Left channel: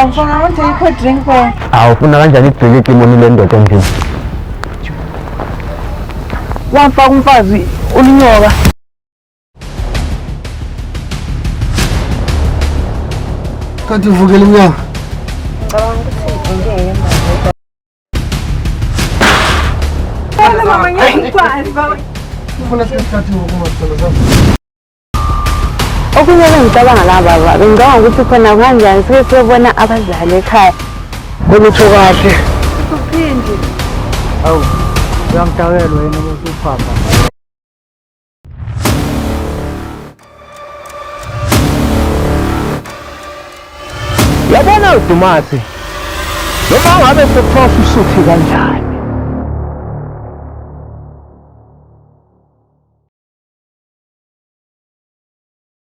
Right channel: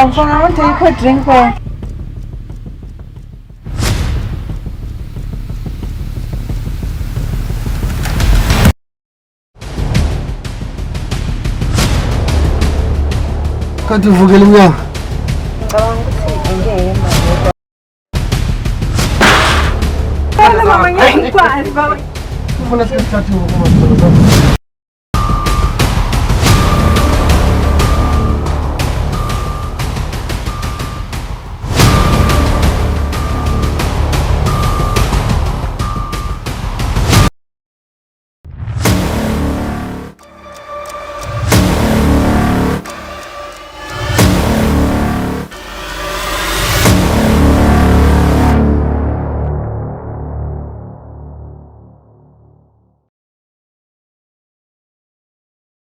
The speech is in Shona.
Awufuna ukuthi ikho drink for. Awufuna kanjani idrink imoni le ndoda endlini? Wamfaka umfazi ulinyoka. Kanti uvukela inyanga. Ngicabanga ukuthi ngeke manje. Wala mama ngiyakwazi baba. Ufuna sikhathi ngokumasolo. Okumele ngicabanga la baba, ngicabanga ukuthi khona kanjani sesibona abazali ekhaya. Ukuthi kahle. Uphindi. Hawu, ngiyamtawela wena ukuthi upapa. Yabona uDumasi. Ngeke ngabe sesiphofu isuthi kanjani.